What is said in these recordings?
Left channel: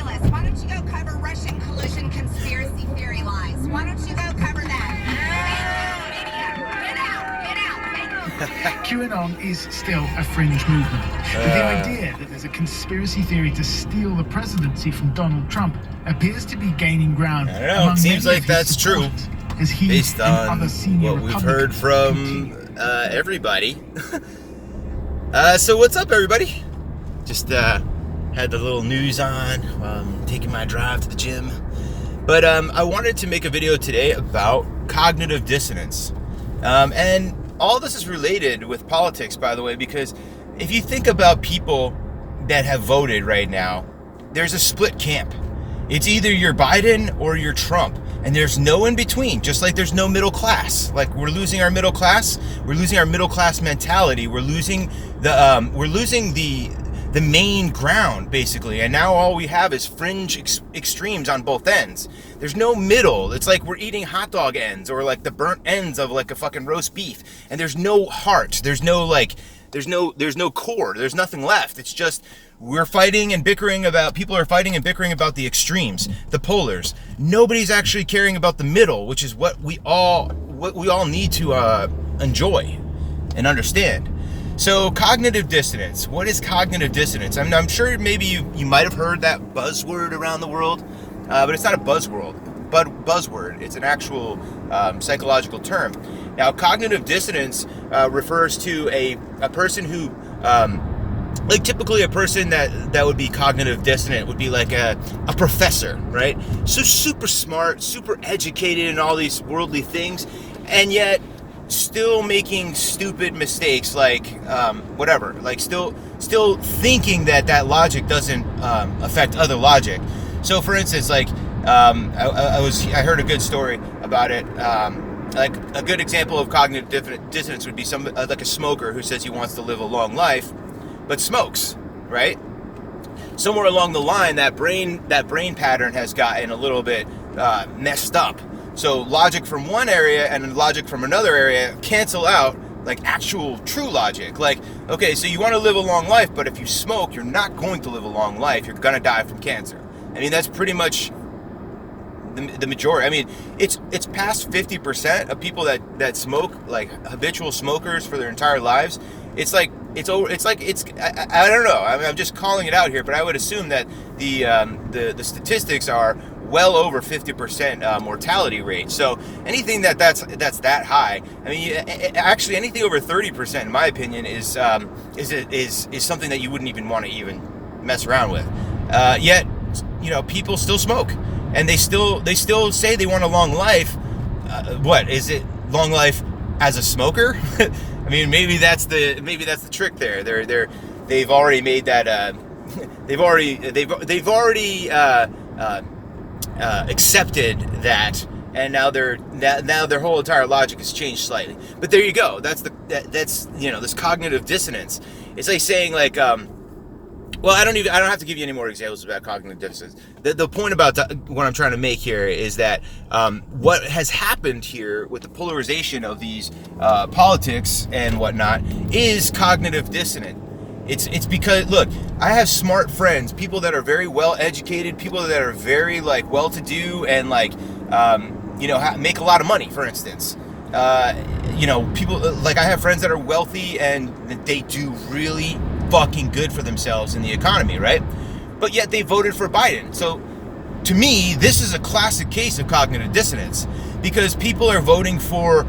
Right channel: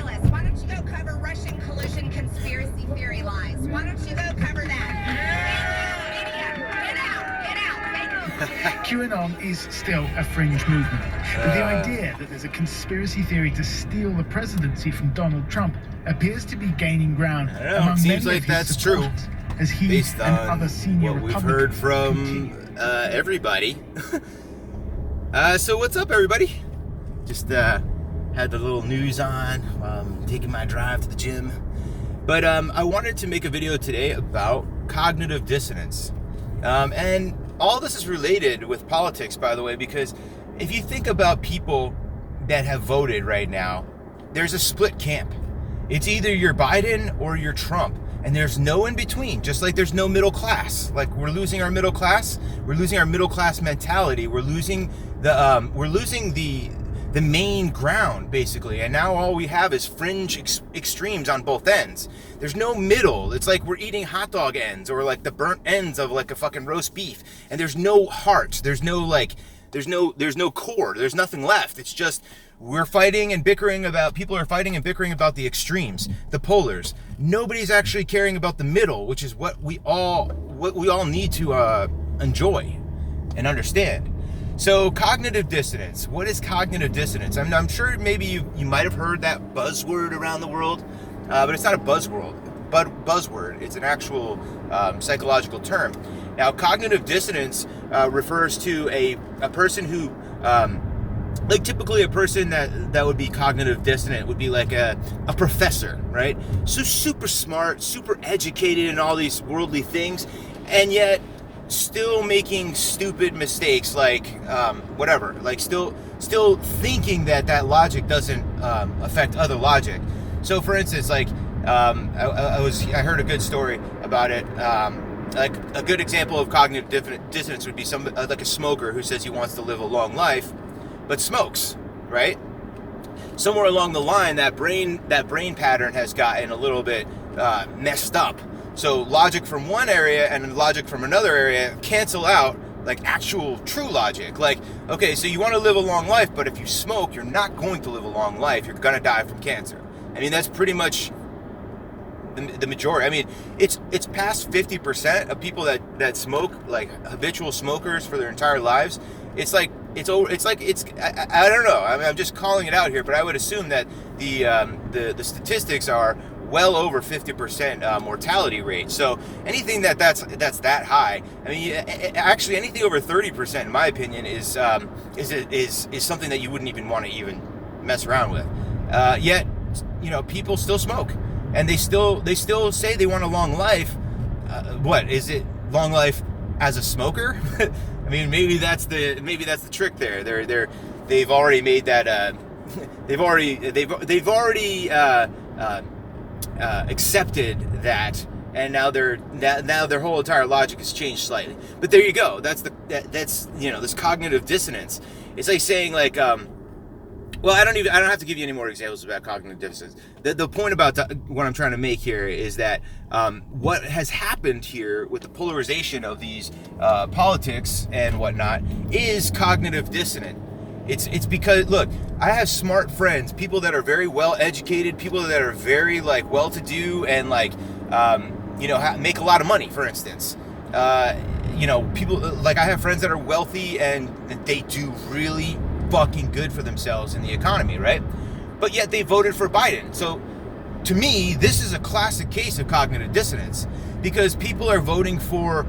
ridiculous. Why don't you go cover Russian collusion conspiracy theory lies? Why don't you go cover that? Thank you, media. Get out. Thank you. QAnon is still a fringe movement, but the idea that there's a conspiracy theory to steal the presidency from Donald Trump appears to be gaining ground. I don't know, it seems like that's true, as he based and on other senior what we've heard from everybody. So what's up, everybody? Just had the little news on while I'm taking my drive to the gym. But I wanted to make a video today about cognitive dissonance. And all this is related with politics, by the way, because if you think about people that have voted right now, there's a split camp. It's either you're Biden or you're Trump, and there's no in between, just like there's no middle class. Like, we're losing our middle class, we're losing our middle class mentality, we're losing the main ground, basically, and now all we have is fringe extremes on both ends. There's no middle. It's like we're eating hot dog ends, or like the burnt ends of like a fucking roast beef, and there's no heart, there's no core, there's nothing left. It's just we're fighting and bickering about, people are fighting and bickering about the extremes, the polars. Nobody's actually caring about the middle, which is what we all need to enjoy and understand. So cognitive dissonance. What is cognitive dissonance? I'm sure maybe you might have heard that buzzword around the world, but it's not a buzzword. It's an actual psychological term. Now, cognitive dissonance refers to a person who, like typically a person that would be cognitive dissonant would be like a professor, right? So super smart, super educated in all these worldly things, and yet still making stupid mistakes, like whatever, like still thinking that logic doesn't affect other logic. So for instance, like I heard a good story about it. Like a good example of cognitive dissonance would be like a smoker who says he wants to live a long life but smokes, right? Somewhere along the line, that brain pattern has gotten a little bit messed up. So logic from one area and logic from another area cancel out, like actual true logic. Like, okay, so you want to live a long life, but if you smoke, you're not going to live a long life. You're going to die from cancer. I mean, that's pretty much the majority. I mean, it's past 50% of people that smoke, like habitual smokers for their entire lives. I don't know. I mean, I'm just calling it out here, but I would assume that the statistics are well over 50% mortality rate. So anything that's that high, I mean, actually anything over 30%, in my opinion, is something that you wouldn't even want to even mess around with. Yet, people still smoke, and they still say they want a long life. What is it? Long life as a smoker? I mean, maybe that's the trick there. They've already made that. They've already accepted that, and now their whole entire logic has changed slightly. But there you go. That's this cognitive dissonance. It's like saying like, well, I don't have to give you any more examples about cognitive dissonance. The point about what I'm trying to make here is that what has happened here with the polarization of these politics and whatnot is cognitive dissonance. It's because, look, I have smart friends, people that are very well educated, people that are very like well-to-do and like make a lot of money, for instance. People like, I have friends that are wealthy and they do really fucking good for themselves in the economy, right? But yet they voted for Biden. So to me, this is a classic case of cognitive dissonance, because people are voting for,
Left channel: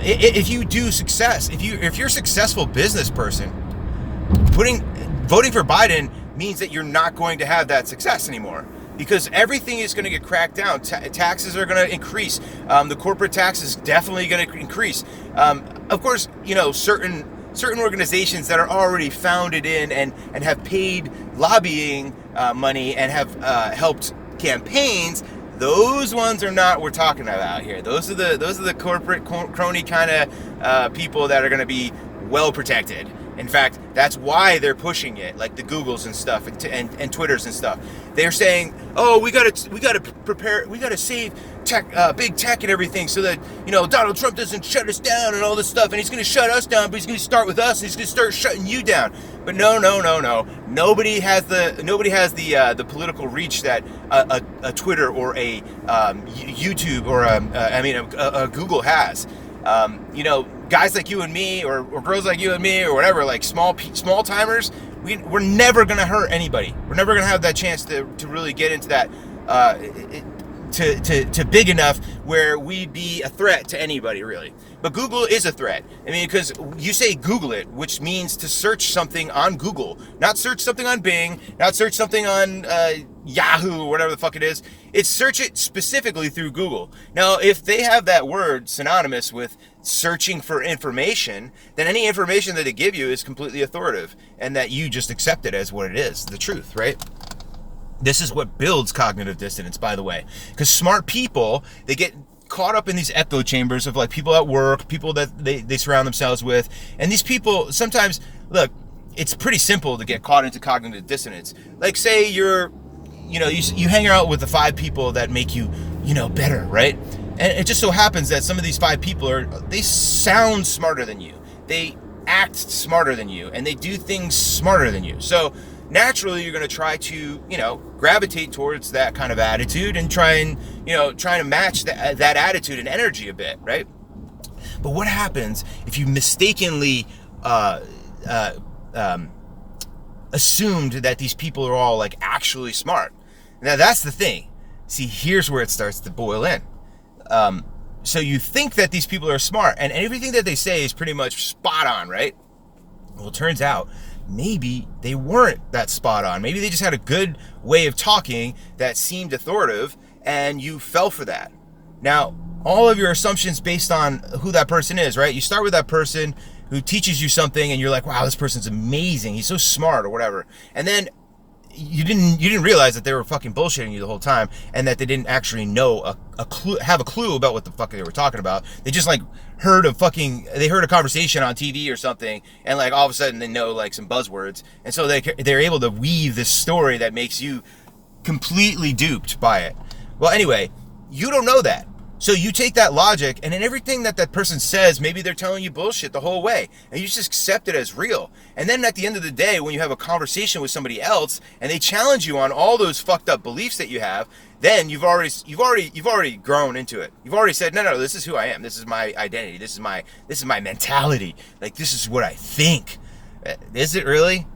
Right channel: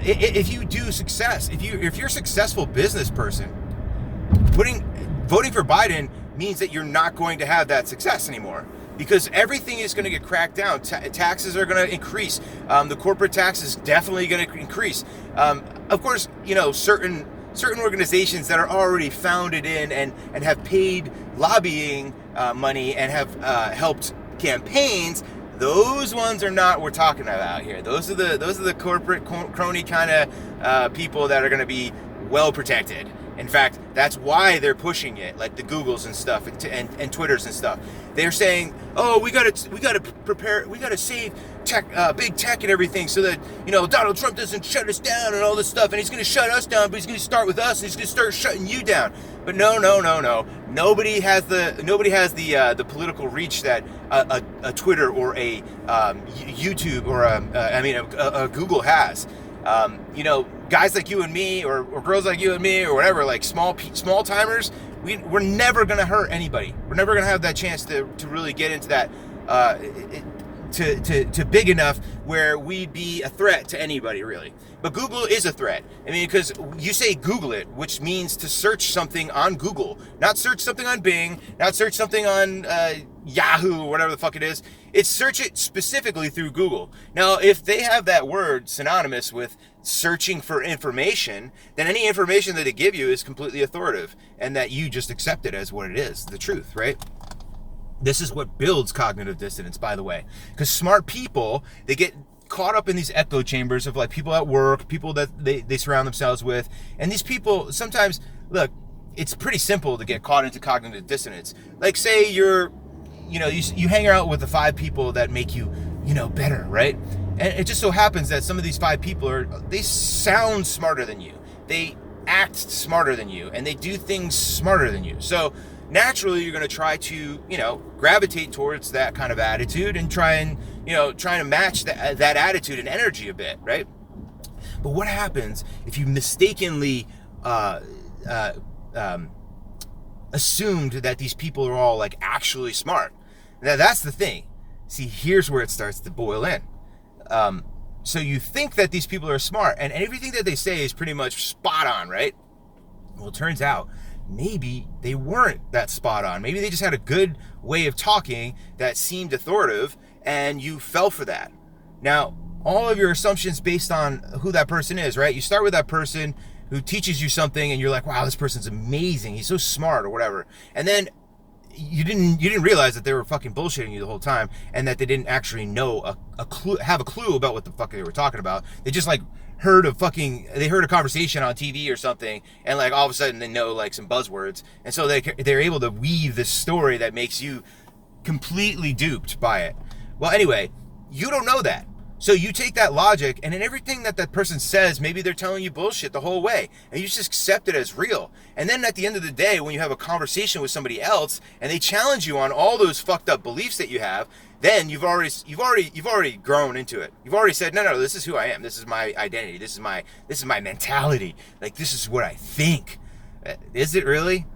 if you're a successful business person, voting for Biden means that you're not going to have that success anymore, because everything is going to get cracked down. Taxes are going to increase. The corporate tax is definitely going to increase. Of course, certain organizations that are already founded in and have paid lobbying money and have helped campaigns, those ones are not what we're talking about here. Those are the corporate crony kind of people that are going to be well protected. In fact, that's why they're pushing it, like the Googles and stuff and Twitters and stuff. They're saying, "Oh, we gotta prepare, we gotta save tech, big tech and everything, so that Donald Trump doesn't shut us down and all this stuff. And he's gonna shut us down, but he's gonna start with us, and he's gonna start shutting you down." But no. Nobody has the political reach that a Twitter or a YouTube or a Google has. Guys like you and me, or girls like you and me, or whatever, like small timers, we're never gonna hurt anybody. We're never gonna have that chance to really get into that to big enough where we'd be a threat to anybody, really. But Google is a threat. I mean, because you say Google it, which means to search something on Google, not search something on Bing, not search something on Yahoo or whatever the fuck it is. It's search it specifically through Google. Now, if they have that word synonymous with searching for information, then any information that they give you is completely authoritative, and that you just accept it as what it is, the truth, right? This is what builds cognitive dissonance, by the way, because smart people, they get caught up in these echo chambers of like people at work, people that they surround themselves with. And these people sometimes, look, it's pretty simple to get caught into cognitive dissonance. Like say you hang out with the 5 people that make you, better, right? And it just so happens that some of these 5 people they sound smarter than you. They act smarter than you, and they do things smarter than you. So naturally you're going to try to, gravitate towards that kind of attitude and trying to match that attitude and energy a bit, right? But what happens if you mistakenly assumed that these people are all like actually smart? Now that's the thing. See, here's where it starts to boil in. So you think that these people are smart and everything that they say is pretty much spot on, right? Well, it turns out maybe they weren't that spot on. Maybe they just had a good way of talking that seemed authoritative, and you fell for that. Now, all of your assumptions based on who that person is, right? You start with that person who teaches you something, and you're like, wow, this person's amazing. He's so smart, or whatever. And then you didn't realize that they were fucking bullshitting you the whole time, and that they didn't actually know have a clue about what the fuck they were talking about. They just like heard a conversation on TV or something, and like all of a sudden they know like some buzzwords, and so they're able to weave this story that makes you completely duped by it. Well, anyway, you don't know that. So you take that logic, and in everything that person says, maybe they're telling you bullshit the whole way, and you just accept it as real. And then at the end of the day, when you have a conversation with somebody else, and they challenge you on all those fucked up beliefs that you have, then you've already grown into it. You've already said, no, this is who I am. This is my identity. This is my mentality. Like, this is what I think. Is it really?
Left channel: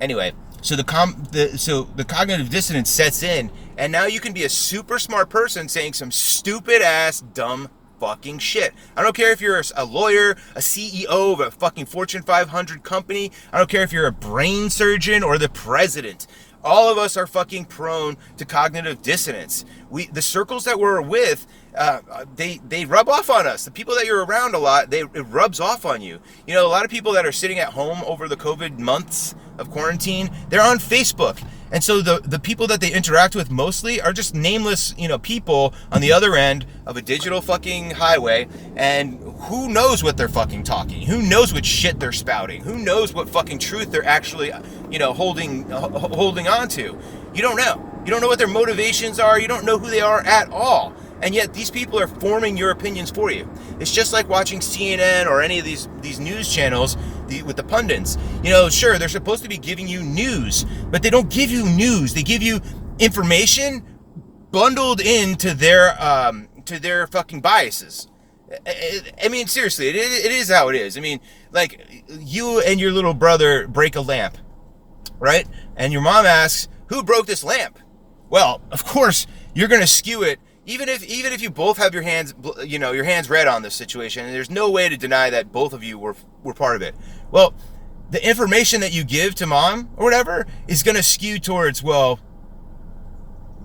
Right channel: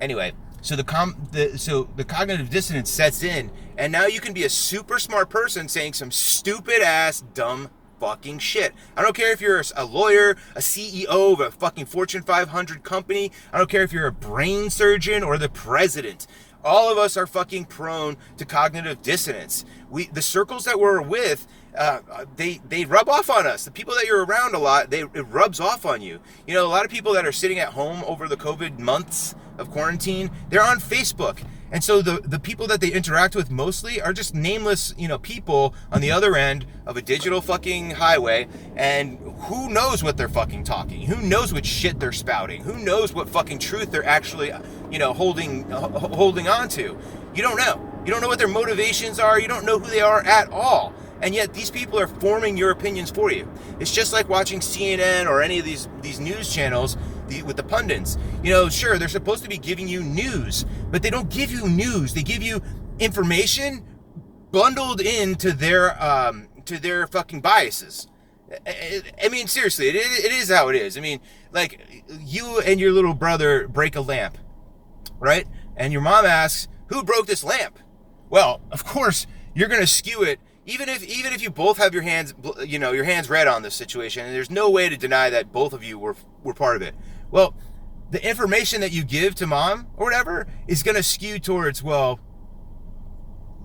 Anyway. So the cognitive dissonance sets in, and now you can be a super smart person saying some stupid ass dumb fucking shit. I don't care if you're a lawyer, a CEO of a fucking Fortune 500 company. I don't care if you're a brain surgeon or the president. All of us are fucking prone to cognitive dissonance. The circles that we're with, they rub off on us. The people that you're around a lot, it rubs off on you. A lot of people that are sitting at home over the COVID months of quarantine, they're on Facebook. And so the people that they interact with mostly are just nameless, people on the other end of a digital fucking highway, and who knows what they're fucking talking? Who knows what shit they're spouting? Who knows what fucking truth they're actually, holding on to? You don't know. You don't know what their motivations are. You don't know who they are at all. And yet these people are forming your opinions for you. It's just like watching CNN or any of these news channels with the pundits. Sure, they're supposed to be giving you news, but they don't give you news. They give you information bundled into their fucking biases. I mean, seriously, it is how it is. I mean, like, you and your little brother break a lamp, right? And your mom asks, who broke this lamp? Well, of course, you're going to skew it. Even if you both have your hands red on this situation, and there's no way to deny that both of you were part of it. Well, the information that you give to mom or whatever is going to skew towards, well,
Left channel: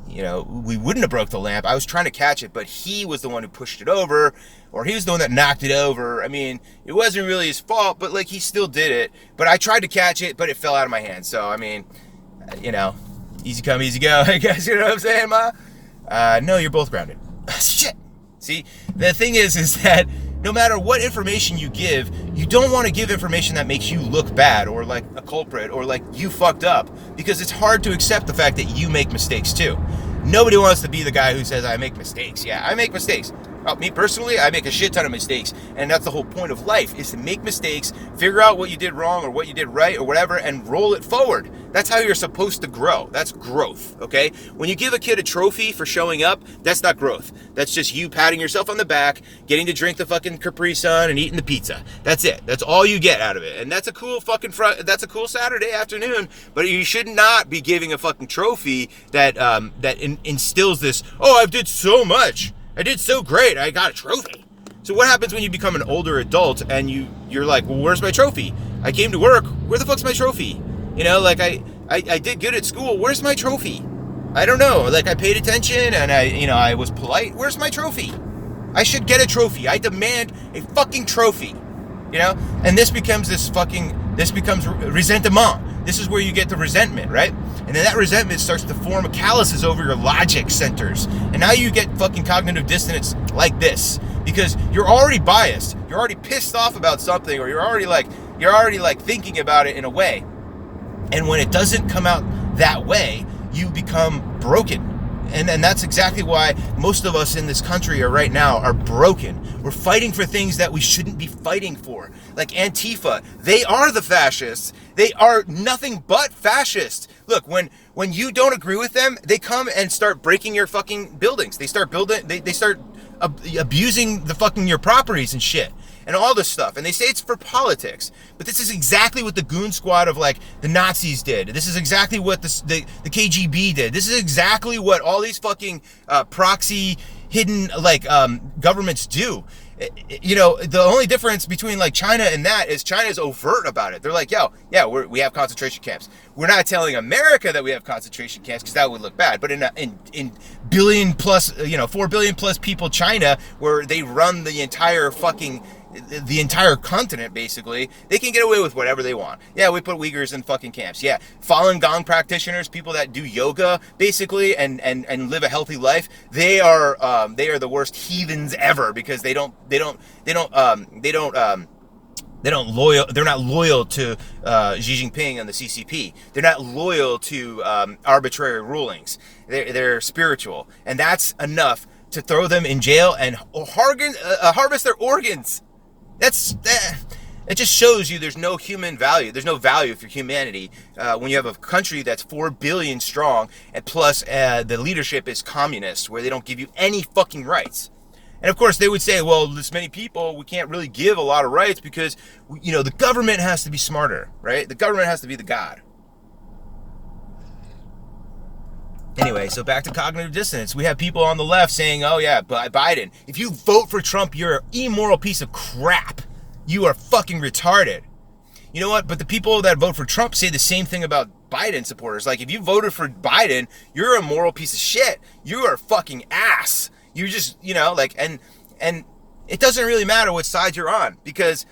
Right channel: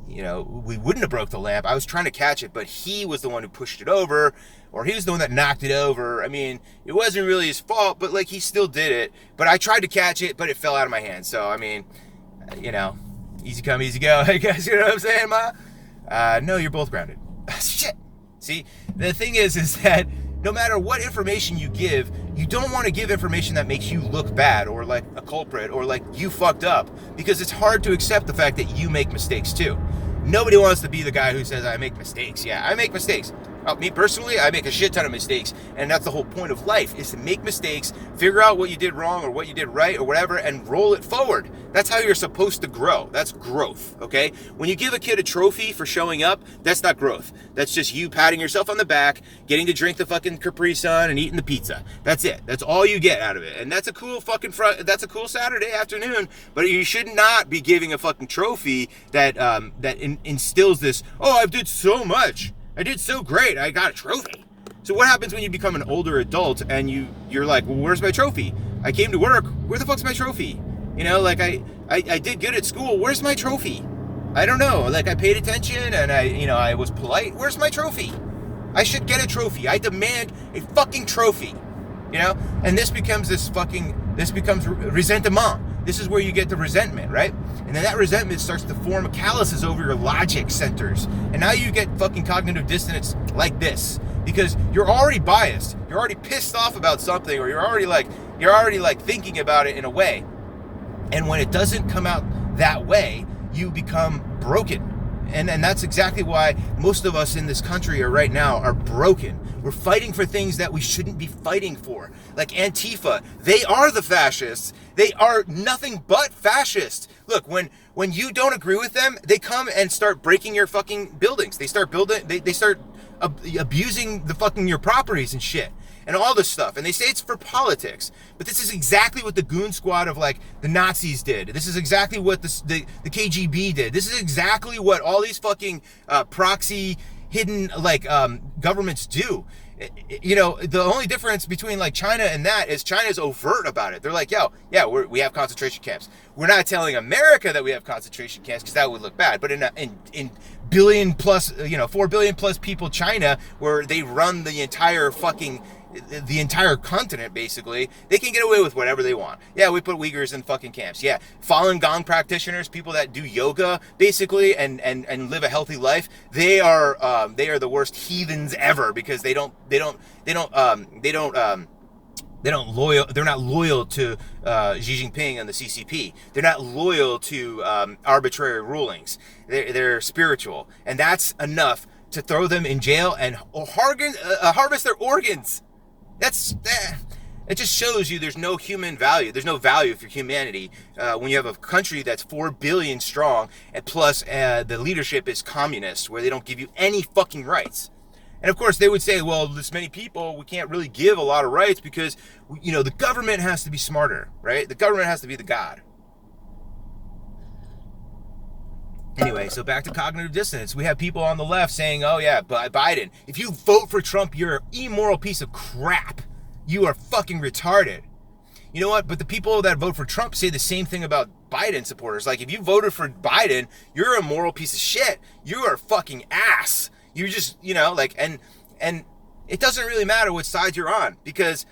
we wouldn't have broke the lamp. I was trying to catch it, but he was the one who pushed it over, or he's the one that knocked it over. I mean, it wasn't really his fault, but like, he still did it. But I tried to catch it, but it fell out of my hand. So, I mean, easy come, easy go. I guess, you know what I'm saying, Ma? No, you're both grounded. Shit. See, the thing is that no matter what information you give, you don't want to give information that makes you look bad or like a culprit or like you fucked up, because it's hard to accept the fact that you make mistakes too. Nobody wants to be the guy who says, I make mistakes. Yeah, I make mistakes. Me personally, I make a shit ton of mistakes. And that's the whole point of life, is to make mistakes, figure out what you did wrong or what you did right or whatever, and roll it forward. That's how you're supposed to grow. That's growth, okay? When you give a kid a trophy for showing up, that's not growth. That's just you patting yourself on the back, getting to drink the fucking Capri Sun and eating the pizza. That's it. That's all you get out of it. And that's a cool fucking that's a cool Saturday afternoon, but you should not be giving a fucking trophy that instills this, oh, I did so much. I did so great. I got a trophy. So what happens when you become an older adult and you're like, well, where's my trophy? I came to work. Where the fuck's my trophy? You know, like I did good at school. Where's my trophy? I don't know. Like I paid attention and I was polite. Where's my trophy? I should get a trophy. I demand a fucking trophy. You know? And this becomes resentment. This is where you get the resentment, right? And then that resentment starts to form calluses over your logic centers. And now you get fucking cognitive dissonance like this, because you're already biased. You're already pissed off about something, or you're already like thinking about it in a way. And when it doesn't come out that way, you become broken. And that's exactly why most of us in this country right now are broken. We're fighting for things that we shouldn't be fighting for. Like Antifa, they are the fascists. They are nothing but fascists. Look, when you don't agree with them, they come and start breaking your fucking buildings. They start abusing the fucking your properties and shit. And all this stuff. And they say it's for politics. But this is exactly what the goon squad of like the Nazis did. This is exactly what the KGB did. This is exactly what all these fucking proxy hidden like governments do. You know, the only difference between like China and that is China's overt about it. They're like, we have concentration camps. We're not telling America that we have concentration camps because that would look bad. But in billion plus, 4 billion plus people China, where they run the entire continent, basically, they can get away with whatever they want. Yeah, we put Uyghurs in fucking camps. Yeah, Falun Gong practitioners, people that do yoga, basically, and live a healthy life, they are the worst heathens ever, because they're not loyal to Xi Jinping and the CCP. They're not loyal to arbitrary rulings. They're spiritual, and that's enough to throw them in jail and harvest their organs. It just shows you there's no human value. There's no value for humanity when you have a country that's 4 billion strong, and plus the leadership is communist, where they don't give you any fucking rights. And of course they would say, well, this many people, we can't really give a lot of rights because, the government has to be smarter, right? The government has to be the god. Anyway, so back to cognitive dissonance. We have people on the left saying, oh yeah, Biden, if you vote for Trump, you're an immoral piece of crap. You are fucking retarded. You know what? But the people that vote for Trump say the same thing about Biden supporters. Like, if you voted for Biden, you're a moral piece of shit. You are a fucking ass. You just, and it doesn't really matter what side you're on, because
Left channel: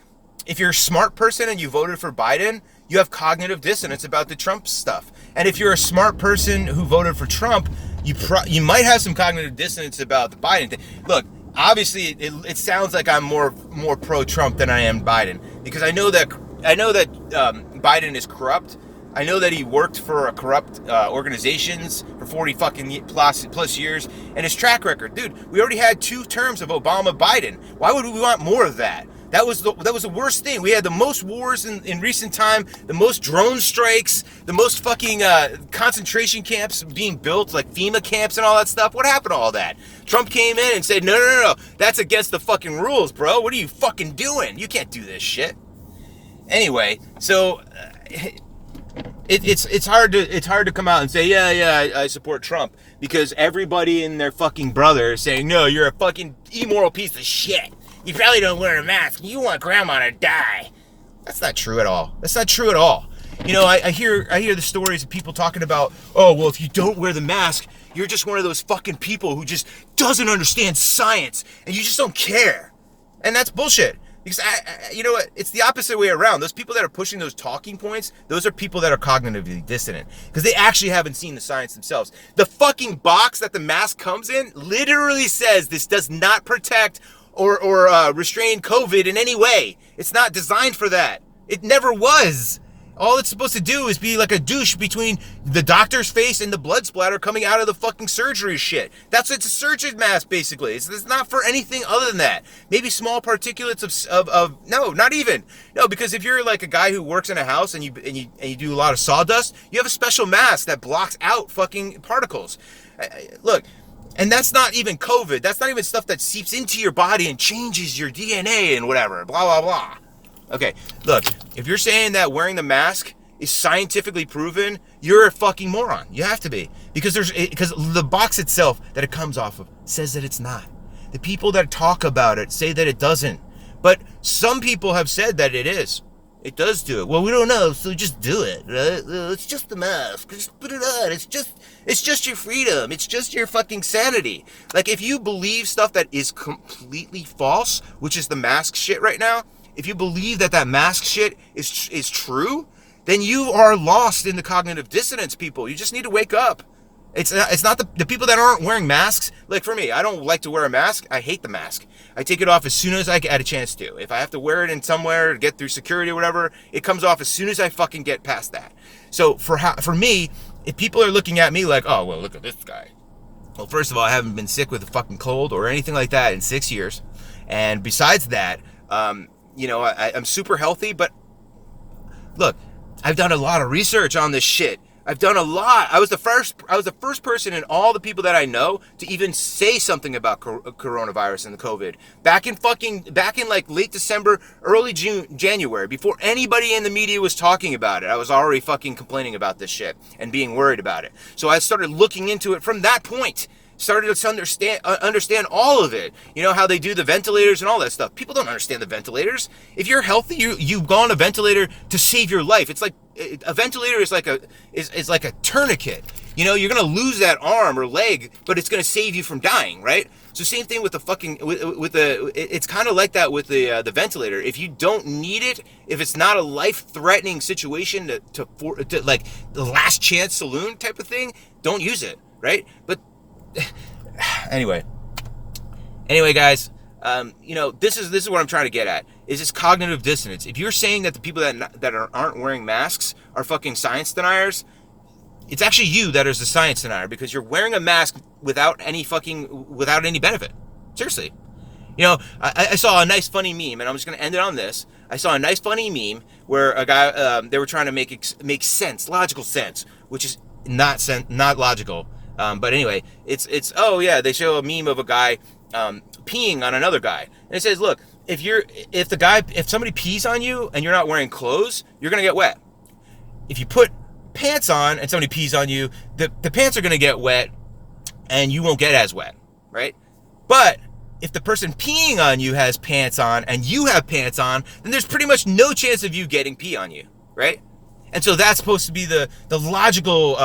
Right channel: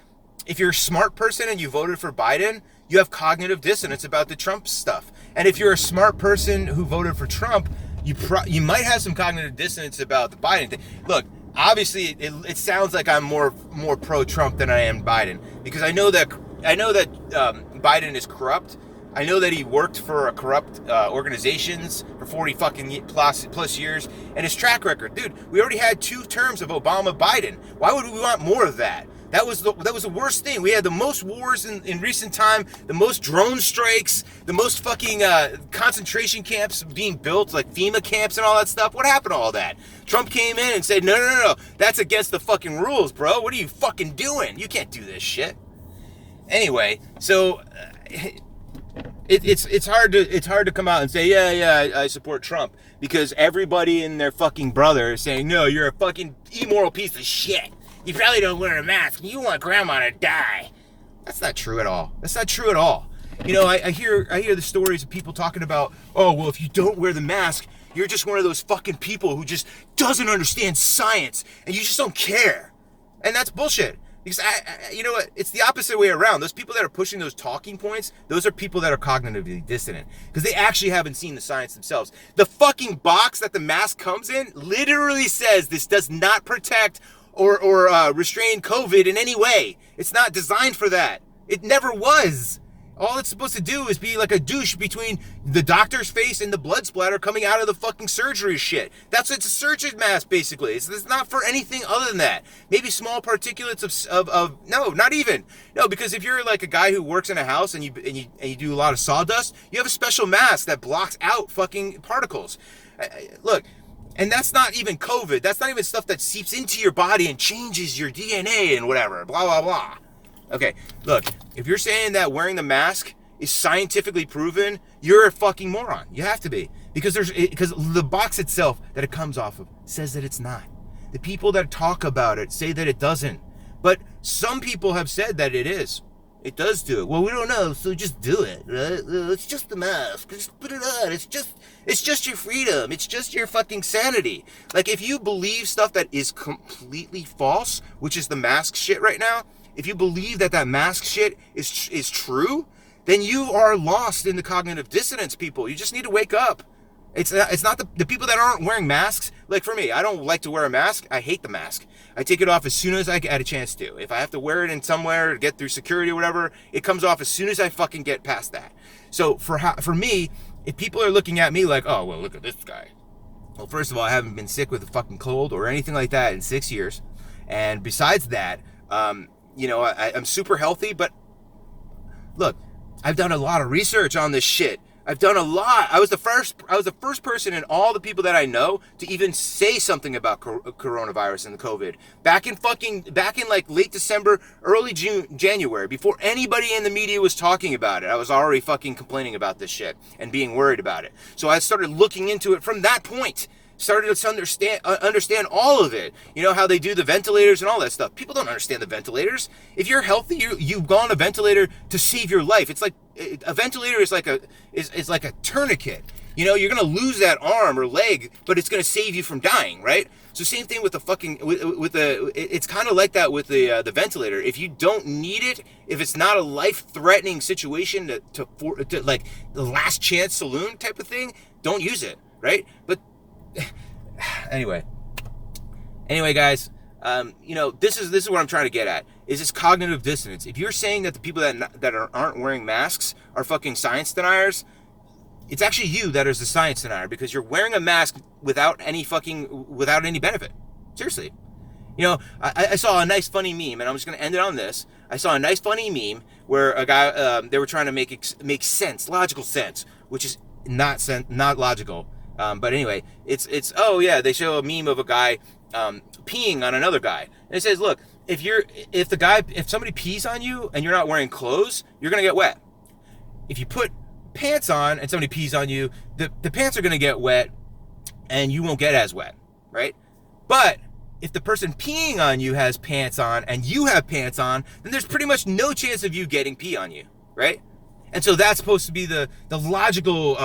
if you're a smart person and you voted for Biden, you have cognitive dissonance about the Trump stuff. And if you're a smart person who voted for Trump, you might have some cognitive dissonance about the Biden thing. Look, obviously, it sounds like I'm more pro-Trump than I am Biden, because I know that Biden is corrupt. I know that he worked for corrupt organizations for 40 fucking plus years, and his track record, dude. We already had 2 terms of Obama-Biden. Why would we want more of that? That was the worst thing. We had the most wars in recent time, the most drone strikes, the most fucking concentration camps being built, like FEMA camps and all that stuff. What happened to all that? Trump came in and said, no, that's against the fucking rules, bro. What are you fucking doing? You can't do this shit. Anyway, so it's hard to come out and say, yeah, I support Trump, because everybody and their fucking brother is saying, no, you're a fucking immoral piece of shit. You probably don't wear a mask. You want grandma to die. That's not true at all. I hear the stories of people talking about, oh, well, if you don't wear the mask, you're just one of those fucking people who just doesn't understand science, and you just don't care. And that's bullshit. Because you know what? It's the opposite way around. Those people that are pushing those talking points, those are people that are cognitively dissonant, because they actually haven't seen the science themselves. The fucking box that the mask comes in literally says this does not protect or restrain COVID in any way. It's not designed for that. It never was. All it's supposed to do is be like a douche between the doctor's face and the blood splatter coming out of the fucking surgery shit. That's it's a surgeon mask, basically. It's not for anything other than that. Maybe small particulates of no, not even. No, because if you're like a guy who works in a house and you do a lot of sawdust, you have a special mask that blocks out fucking particles. Look, and that's not even COVID. That's not even stuff that seeps into your body and changes your DNA and whatever. Blah, blah, blah. Okay, look, if you're saying that wearing the mask is scientifically proven, you're a fucking moron. You have to be. Because the box itself that it comes off of says that it's not. The people that talk about it say that it doesn't. But some people have said that it is. It does do it. Well, we don't know, so just do it, right? It's just the mask. Just put it on. It's just your freedom. It's just your fucking sanity. Like, if you believe stuff that is completely false, which is the mask shit right now, if you believe that mask shit is true, then you are lost in the cognitive dissonance, people. You just need to wake up. It's not the people that aren't wearing masks. Like for me, I don't like to wear a mask. I hate the mask. I take it off as soon as I get a chance to. If I have to wear it in somewhere to get through security or whatever, it comes off as soon as I fucking get past that. So for me, if people are looking at me like, oh, well, look at this guy. Well, first of all, I haven't been sick with a fucking cold or anything like that in 6 years. And besides that, I'm super healthy, but look, I've done a lot of research on this shit. I've done a lot. I was the first person in all the people that I know to even say something about coronavirus and the COVID. Back in like late December, early January, before anybody in the media was talking about it, I was already fucking complaining about this shit and being worried about it. So I started looking into it from that point. Started to understand all of it. You know how they do the ventilators and all that stuff. People don't understand the ventilators. If you're healthy, you go on a ventilator to save your life. It's like a ventilator is like a tourniquet. You know, you're gonna lose that arm or leg, but it's gonna save you from dying, right? So same thing with the fucking it's kind of like that with the ventilator. If you don't need it, if it's not a life-threatening situation to like the last chance saloon type of thing, don't use it, right? But anyway guys, this is what I'm trying to get at, is this cognitive dissonance. If you're saying that the people that aren't wearing masks are fucking science deniers, it's actually you that is the science denier, because you're wearing a mask without any benefit. Seriously. I saw a nice funny meme, and I'm just going to end it on this. I saw a nice funny meme where a guy, they were trying to make sense, logical sense, which is not logical. But anyway, it's oh yeah, they show a meme of a guy peeing on another guy, and it says, look, if somebody pees on you and you're not wearing clothes, you're gonna get wet. If you put pants on and somebody pees on you, the pants are gonna get wet, and you won't get as wet, right? But if the person peeing on you has pants on and you have pants on, then there's pretty much no chance of you getting pee on you, right? And so that's supposed to be the logical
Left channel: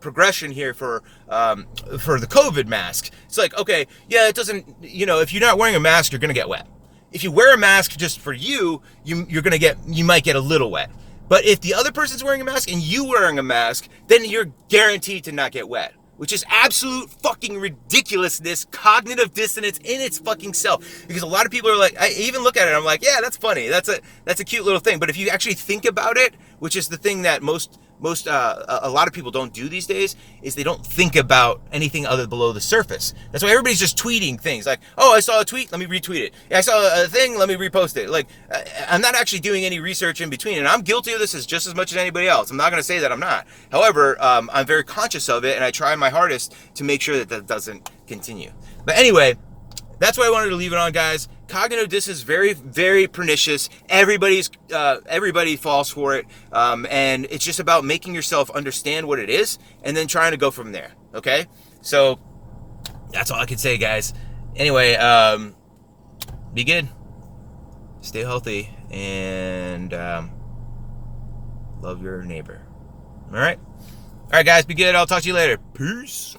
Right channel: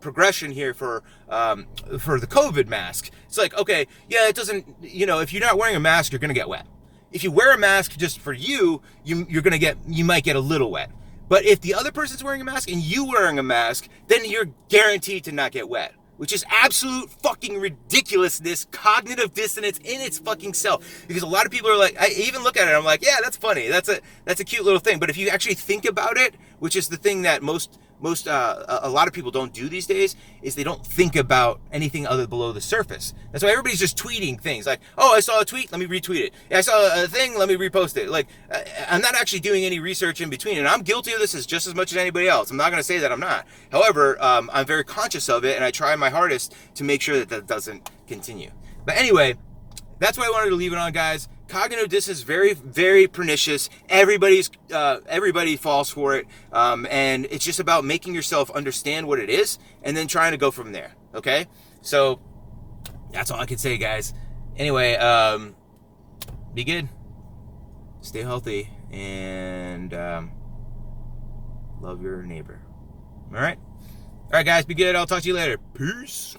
progression here for the COVID mask. It's like, okay, yeah, it doesn't, if you're not wearing a mask, you're gonna get wet. If you wear a mask just for you might get a little wet. But if the other person's wearing a mask and you wearing a mask, then you're guaranteed to not get wet. Which is absolute fucking ridiculousness, cognitive dissonance in its fucking self. Because a lot of people are like, I even look at it, I'm like, yeah, that's funny. That's a cute little thing. But if you actually think about it, which is the thing that a lot of people don't do these days, is they don't think about anything other below the surface. That's why everybody's just tweeting things like, oh, I saw a tweet, let me retweet it. I saw a thing, let me repost it. Like, I'm not actually doing any research in between, and I'm guilty of this just as much as anybody else. I'm not going to say that I'm not. However, I'm very conscious of it, and I try my hardest to make sure that doesn't continue. But anyway, that's why I wanted to leave it on, guys. Cognitive dissonance is very, very pernicious. Everybody falls for it, and it's just about making yourself understand what it is, and then trying to go from there. Okay, so that's all I can say, guys. Anyway, be good, stay healthy, and love your neighbor. All right, guys, be good. I'll talk to you later. Peace.